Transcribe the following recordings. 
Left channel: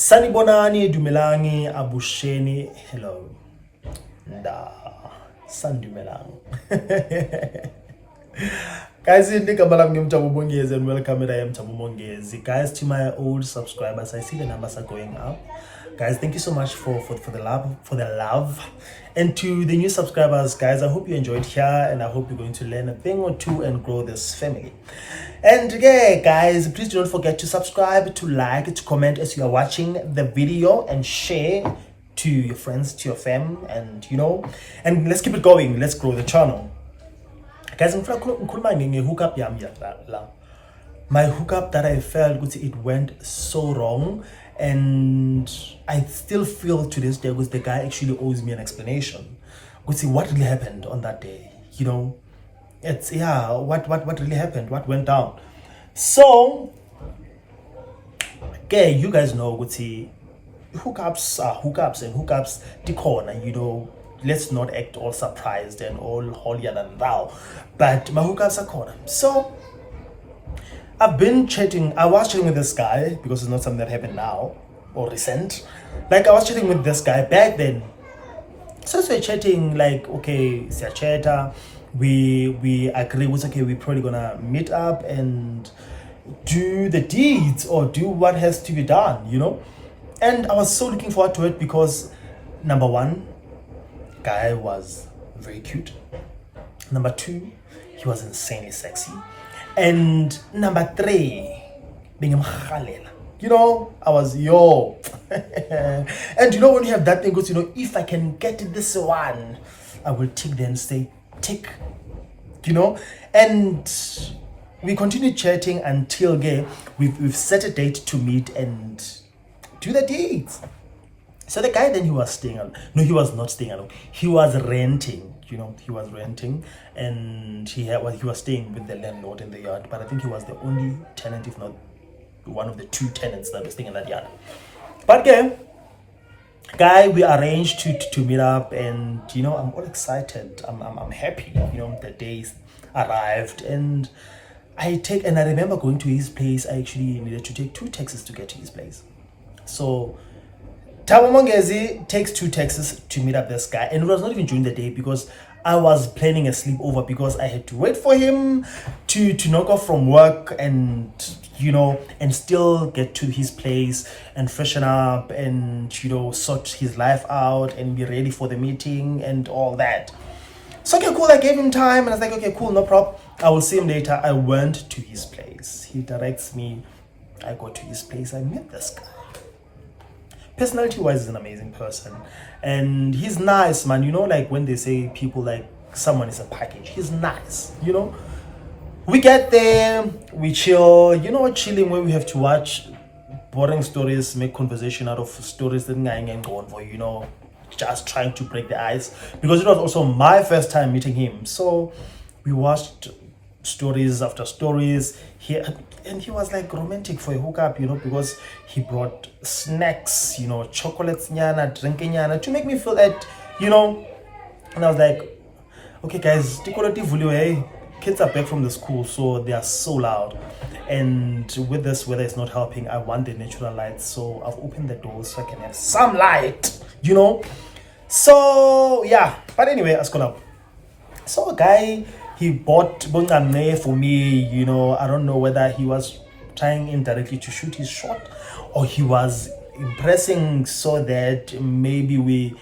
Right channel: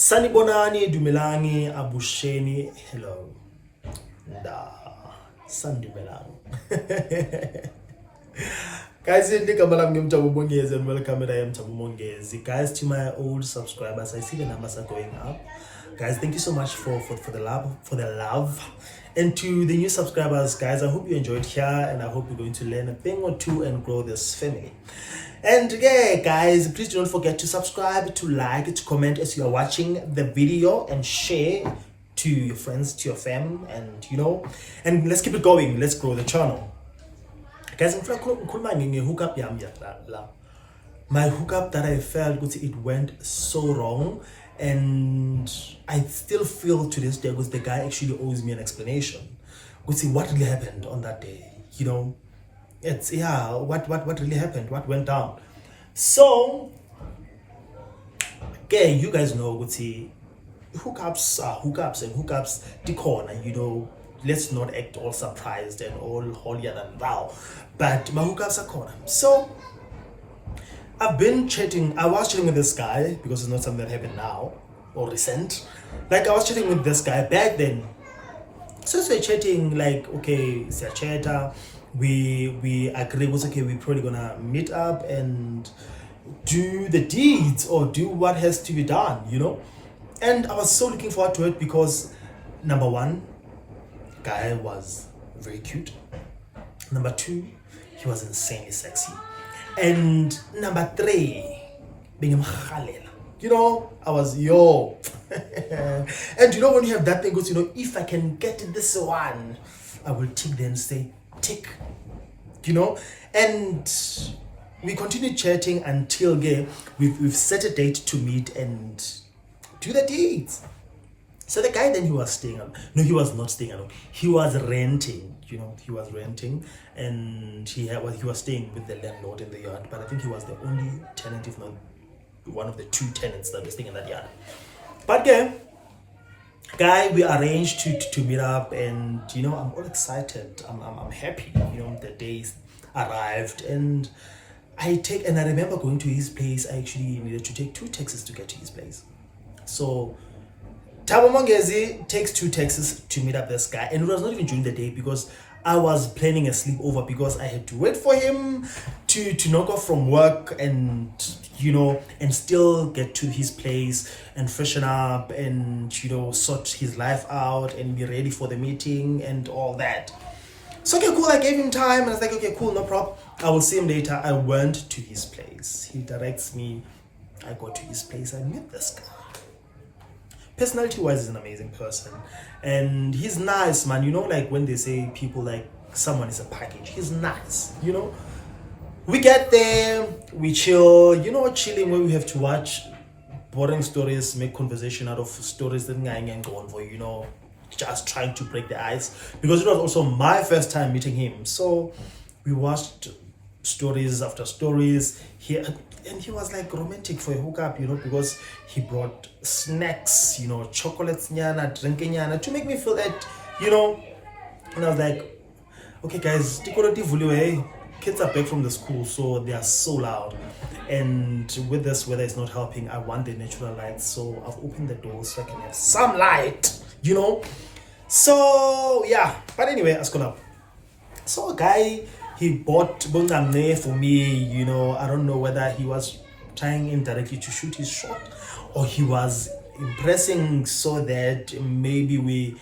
Sanibonani, Dumelangi, Abusheni, hello. Nda, Sandumelang. Guys, and welcome. I am Mongezi. Guys, to my old subscribers, I see the numbers are going up. Guys, thank you so much for the love. And to the new subscribers, guys, I hope you enjoyed here and I hope you're going to learn a thing or two and grow this family. And yeah, guys, please don't forget to subscribe, to like, to comment as you are watching the video, and share to your friends, to your fam, and and let's keep it going. Let's grow the channel. Guys, hookup my hookup that I felt it went so wrong, and I still feel to this day because the guy actually owes me an explanation. What really happened on that day? It's what really happened, what went down. So okay, you guys know hookups are hookups, and hookups the corner, let's not act all surprised and all holier than thou, but my hookups are corner. So I was chatting with this guy because it's not something that happened now or recent. Like, I was chatting with this guy back then. So we're chatting, like, okay, it's a chatter. We agree with, okay, we're probably gonna meet up and do the deeds or do what has to be done, And I was so looking forward to it because, number one, guy was very cute. Number two, he was insanely sexy. And number three, being I was and when you have that thing goes, if I can get this one, I will tick them, say tick, and we continued chatting until we've set a date to meet and do the deeds. So the guy then, he was staying alone. No, he was not staying alone. He was renting. He was renting, and he was staying with the landlord in the yard. But I think he was the only tenant, if not one of the two tenants that were staying in that yard. But guy, we arranged to meet up, and I'm all excited. I'm happy. The days arrived, and I remember going to his place. I actually needed to take 2 taxis to get to his place. So Tabo Mongezi takes 2 taxis to meet up this guy, and it was not even during the day because I was planning a sleepover because I had to wait for him to knock off from work and and still get to his place and freshen up and sort his life out and be ready for the meeting and all that. So okay, cool, I gave him time and I was like, okay, cool, no problem, I will see him later. I went to his place. He directs me. I go to his place. I met this guy. Personality wise, is an amazing person, and he's nice, man. Like when they say people like someone is a package, he's nice. We get there, we chill, chilling where we have to watch boring stories, make conversation out of stories that ain't going for, just trying to break the ice, because it was also my first time meeting him. So we watched stories after stories here, and he was like romantic for a hookup, because he brought snacks, chocolates, drinking to make me feel that, and I was like, okay guys, kids are back from the school, so they are so loud, and with this weather is not helping. I want the natural light, so I've opened the door so I can have some light, so yeah. But anyway, I was gonna, so a guy, he bought bongame for me. I don't know whether he was trying indirectly to shoot his shot or he was impressing so that maybe we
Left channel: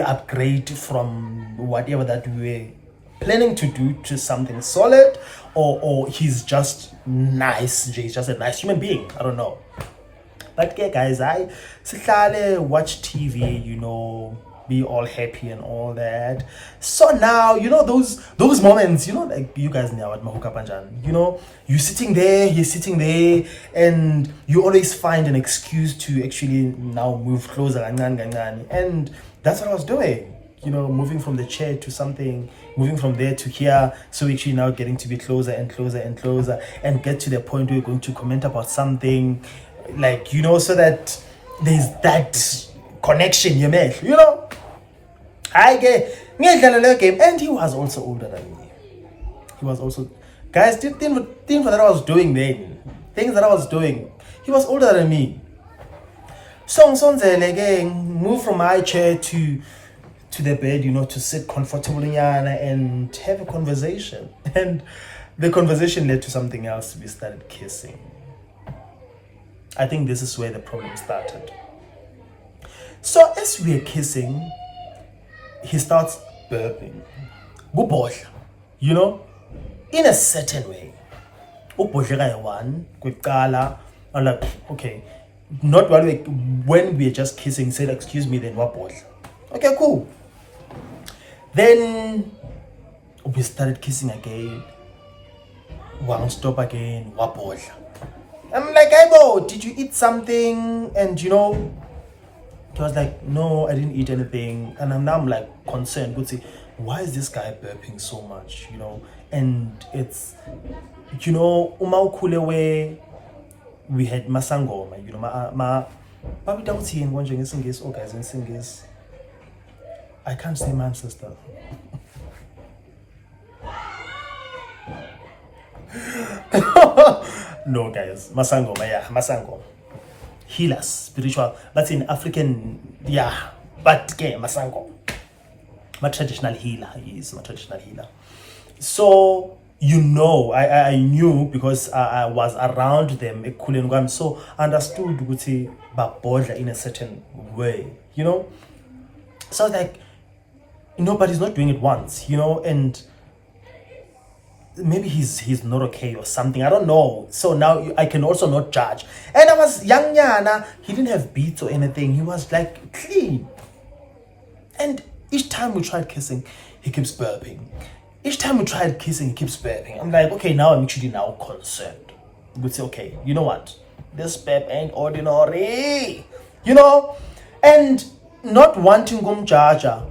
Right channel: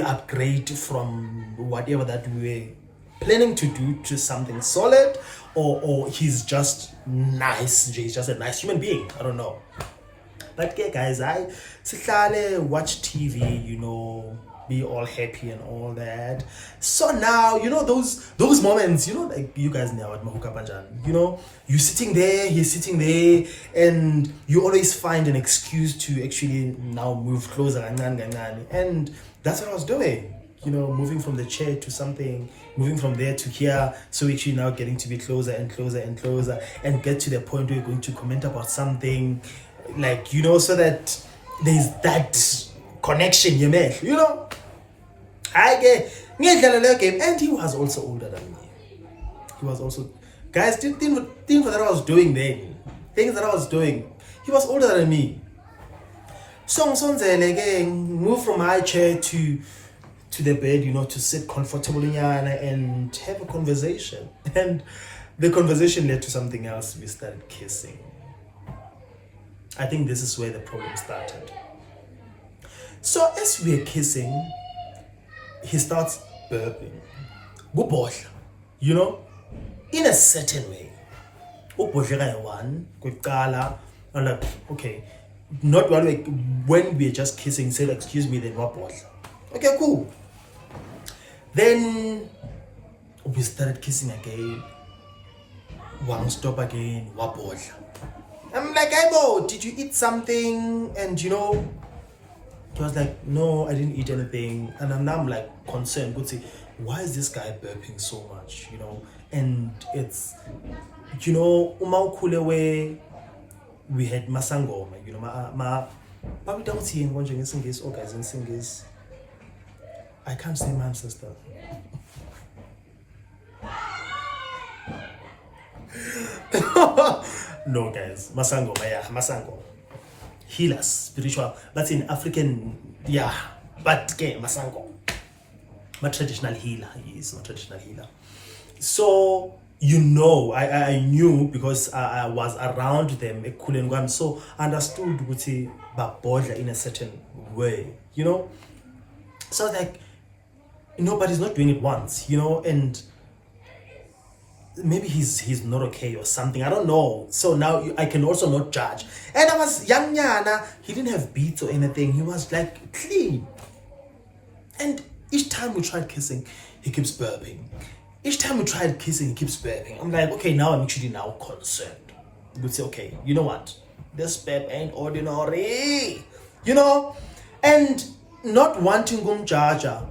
upgrade from whatever that we were planning to do to something solid, or he's just nice. He's just a nice human being. I don't know. But yeah, guys, I watch TV, be all happy and all that. So now, those moments, like you guys know at Mahuka Panjan, you're sitting there, he's sitting there, and you always find an excuse to actually now move closer, and that's what I was doing, moving from the chair to something, moving from there to here, so actually now getting to be closer and closer and closer, and get to the point where you're going to comment about something, like, so that there's that connection, I get game, and he was also older than me. He was also, guys, things that I was doing then, things that I was doing, he was older than me. So move from my chair to the bed, to sit comfortably and have a conversation. And the conversation led to something else. We started kissing. I think this is where the problem started. So as we're kissing, he starts burping. In a certain way. I'm like, okay. Not when we're just kissing, say, excuse me, then wabohla. Okay, cool. Then we started kissing again. One stop again, wabohla. I'm like, hey, bro, did you eat something? And he was like, no, I didn't eat anything. And I'm like concerned. Good, see, why is this guy burping so much? And it's, umaukule where we had masangoma, but we don't see in one Singis or guys in Singis. I can't say my sister. No, guys, masangoma, yeah, masango. Healers, spiritual. That's in African, yeah, but okay, masango. My traditional healer, he is my traditional healer. So, I knew because I was around them, so I understood ukuthi babodla in a certain way, So I was like, nobody's not doing it once, and maybe he's not okay or something. I don't know. So now I can also not judge. And I was young, he didn't have beats or anything. He was like clean. And each time we tried kissing, he keeps burping. Each time we tried kissing, he keeps burping. I'm like, okay, now I'm actually now concerned. We'd say, okay, you know what? This burp ain't ordinary. And not wanting jaja.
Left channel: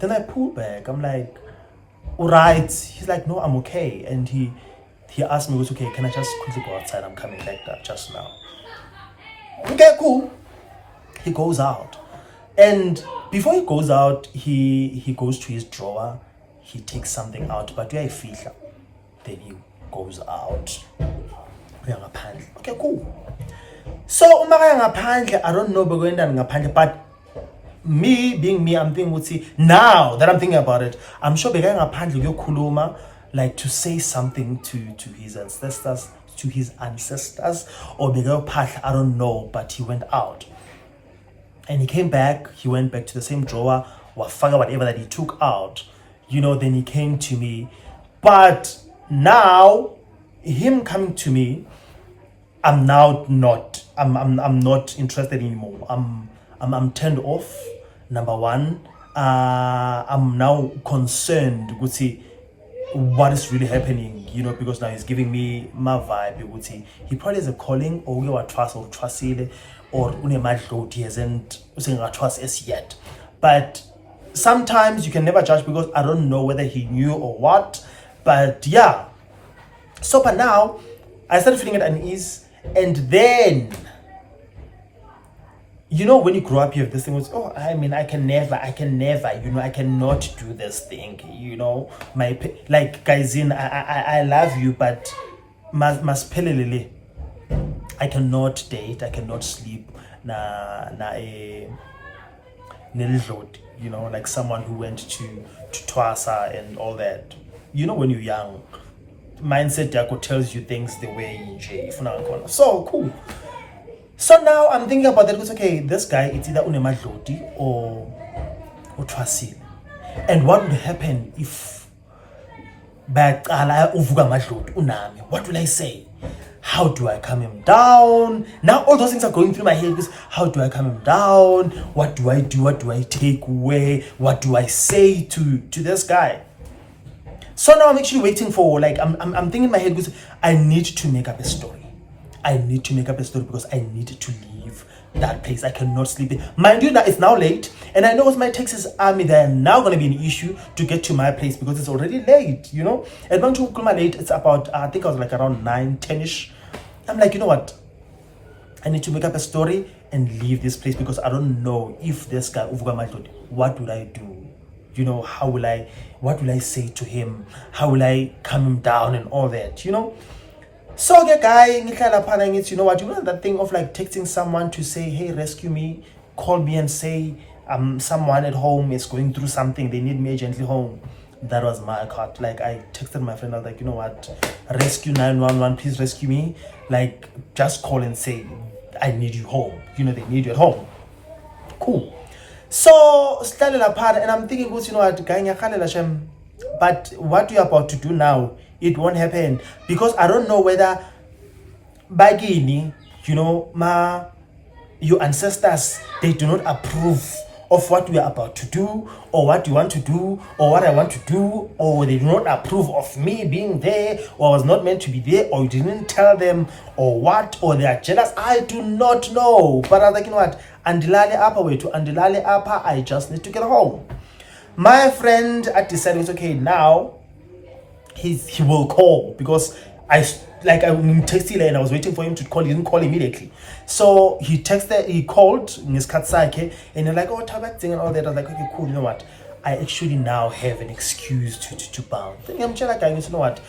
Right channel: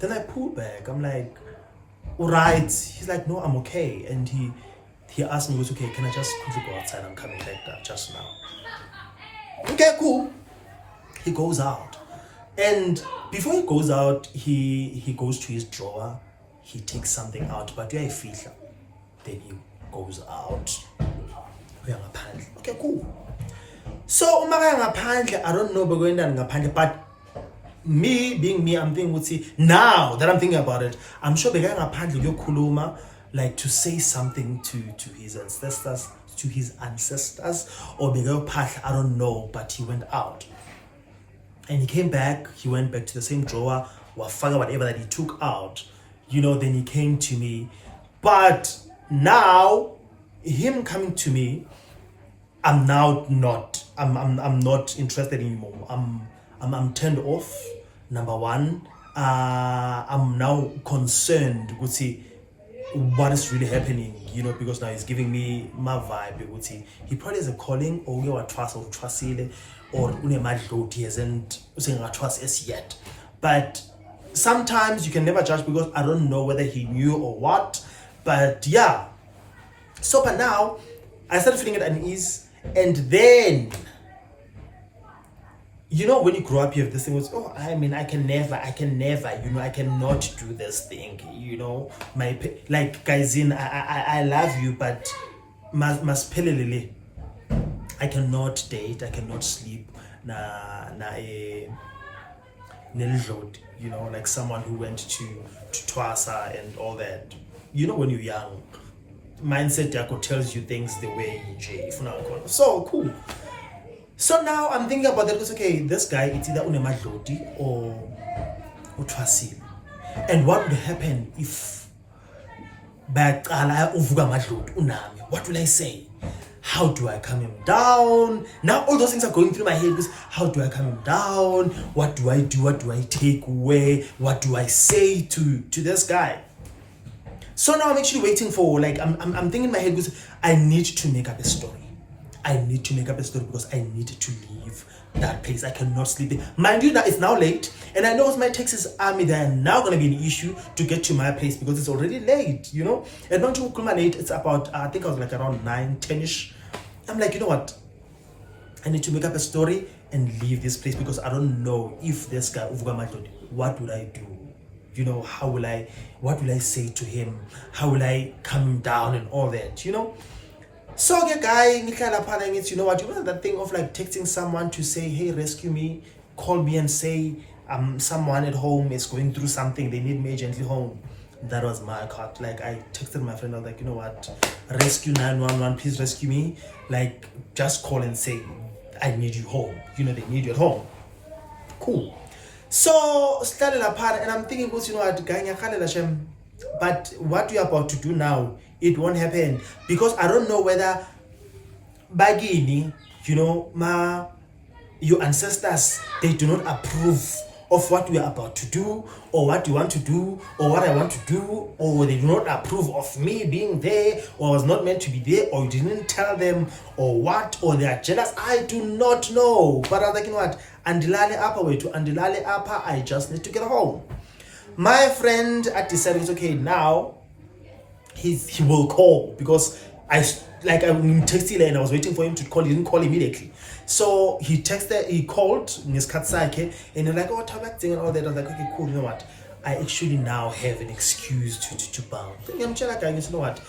Then I pull back. I'm like, all right. He's like, no, I'm okay. And he asked me, okay, can I just quickly go outside? I'm coming like that just now. Okay, cool. He goes out. And before he goes out, he goes to his drawer. He takes something out, but then he goes out. Okay, cool. So I don't know, but me being me, I'm thinking, now that I'm thinking about it, I'm sure like to say something to his ancestors, or I don't know, but he went out. And he came back, he went back to the same drawer, whatever that he took out. Then he came to me. But now, him coming to me, I'm now not. I'm not interested anymore. I'm turned off. Number one, I'm now concerned. What is really happening? Because now he's giving me my vibe. He probably has a calling, or you trust or trustile, or he hasn't trust as yet. But sometimes you can never judge because I don't know whether he knew or what. But yeah. So but now I started feeling at unease, and then when you grow up you have this thing with I can never, I cannot do this thing, guys I love you, but masphelelele I cannot date, I cannot sleep like someone who went to Twasa and all that. When you're young, mindset tells you things the way so cool. So now I'm thinking about that. Okay, this guy, it's either unemadloti or Twasile. And what would happen if what will I say? How do I calm him down? Now all those things are going through my head. How do I calm him down? What do I do? What do I take away? What do I say to this guy? So now I'm actually waiting for, I'm thinking in my head, because I need to make up a story. I need to make up a story because I need to leave that place. I cannot sleep. Mind you, that it's now late, and I know with my Texas Army, they are now going to be an issue to get to my place because it's already late, And when you come late, it's about, I think I was like around 9, 10-ish. I'm like, you know what? I need to make up a story and leave this place because I don't know if this guy, what will I do? What will I say to him? How will I calm him down and all that, So the guy, you know what, you know that thing of like texting someone to say, hey, rescue me, call me and say someone at home is going through something, they need me urgently home. That was my cut. Like I texted my friend, I was like, you know what, rescue 911, please rescue me. Like just call and say, I need you home. You know, they need you at home. Cool. So started apart, and I'm thinking, you know what, but what you're about to do now, it won't happen, because I don't know whether bagini, you know, your ancestors, they do not approve of what we are about to do, or what you want to do, or what I want to do, or they do not approve of me being there, or I was not meant to be there, or you didn't tell them, or what, or they are jealous. I do not know. But I'm like, you know what, andilale apa way to andilale apa, I just need to get home. My friend at decided, okay, now he will call, because I texted and I was waiting for him to call. He didn't call immediately, so he called Miss Katsake, and they're like, oh, Tabak thing and all that. I was like, okay, cool. You know what? I actually now have an excuse to bounce. I'm just like, you know what?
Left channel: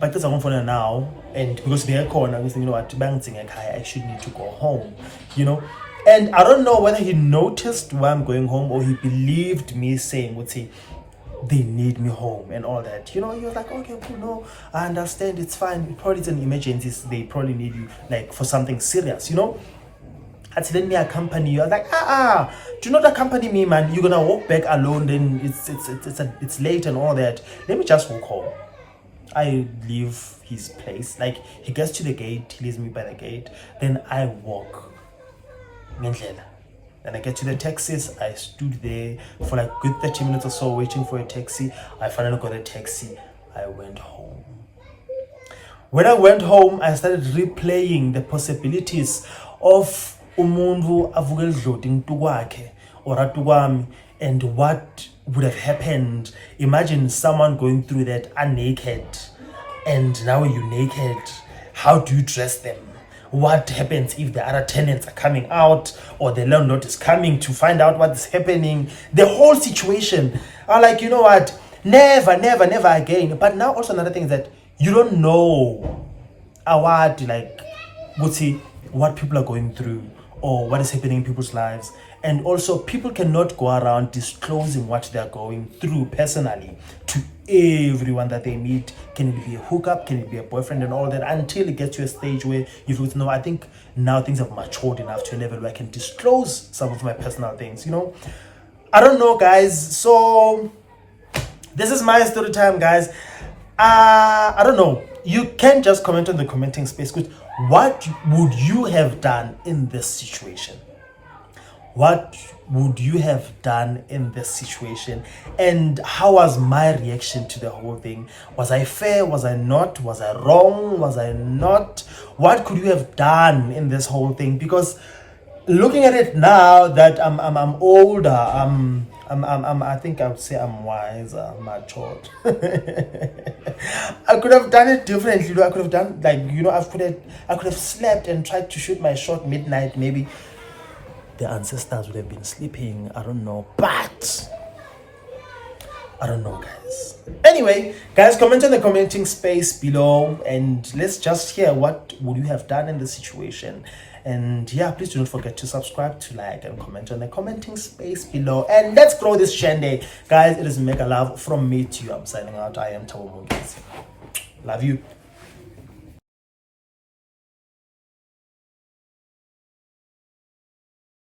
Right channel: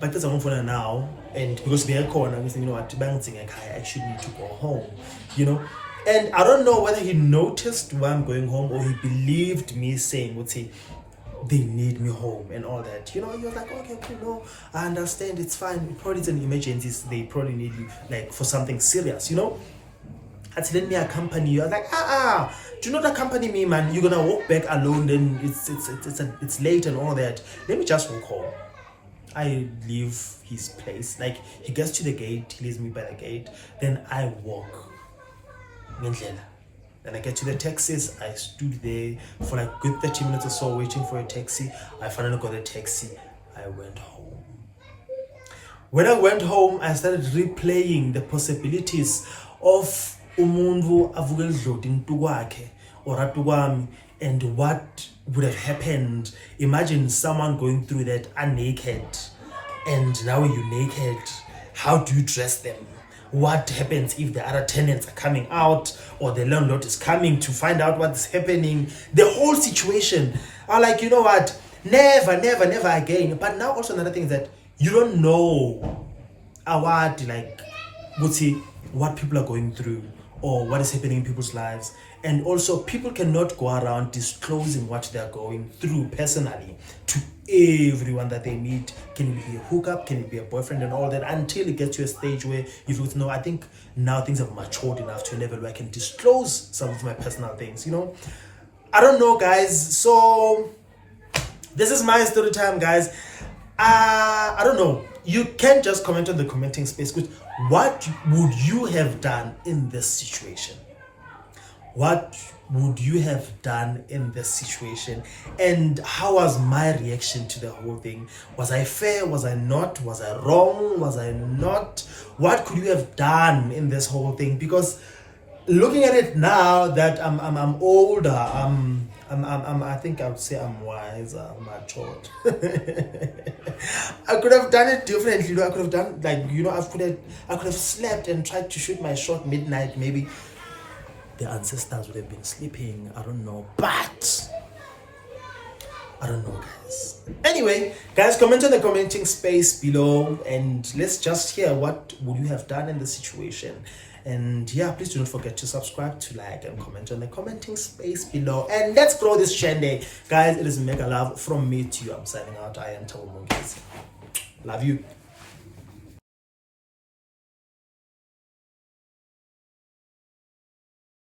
But because I'm on now, and because they're calling, I was thinking, you know what? I actually need to go home. You know. And I don't know whether he noticed why I'm going home, or he believed me saying, would say, they need me home and all that. You know, you're like, okay, cool, no, I understand, it's fine. It probably is an emergency. They probably need you like for something serious, you know. I said, let me accompany you. I was like, do not accompany me, man. You're gonna walk back alone, then it's late and all that. Let me just walk home. I leave his place. Like he gets to the gate, he leaves me by the gate, then I walk. Then I get to the taxis. I stood there for like good 30 minutes or so waiting for a taxi. I finally got a taxi. I went home. When I went home, I started replaying the possibilities of umuntu avuke edlodini kwakhe or atukwami, and what would have happened. Imagine someone going through that naked, and now you're naked. How do you dress them? What happens if the other tenants are coming out, or the landlord is coming to find out what's happening? The whole situation. I'm like, you know what? Never again. But now also another thing is that you don't know what people are going through, or what is happening in people's lives. And also people cannot go around disclosing what they're going through personally to everyone that they meet. Can it be a hookup? Can it be a boyfriend and all that? Until it gets to a stage where you feel, no, I think now things have matured enough to a level where I can disclose some of my personal things, you know. I don't know, guys. So this is my story time, guys. I don't know. You can just comment on the commenting space. What would you have done in this situation? What would you have done in this situation? And how was my reaction to the whole thing? Was I fair? Was I not? Was I wrong? Was I not? What could you have done in this whole thing? Because looking at it now that I'm older, I think I would say I'm wiser, matured. I could have done it differently. I could have done I could have slept and tried to shoot my shot midnight. Maybe the ancestors would have been sleeping. I don't know, but I don't know, guys. Anyway, guys, comment in the commenting space below, and let's just hear what would you have done in the situation. And yeah, please do not forget to subscribe, to like, and comment on the commenting space below. And let's grow this channel, guys. It is mega love from me to you. I'm signing out. I am Tabo Mungezi. Love you.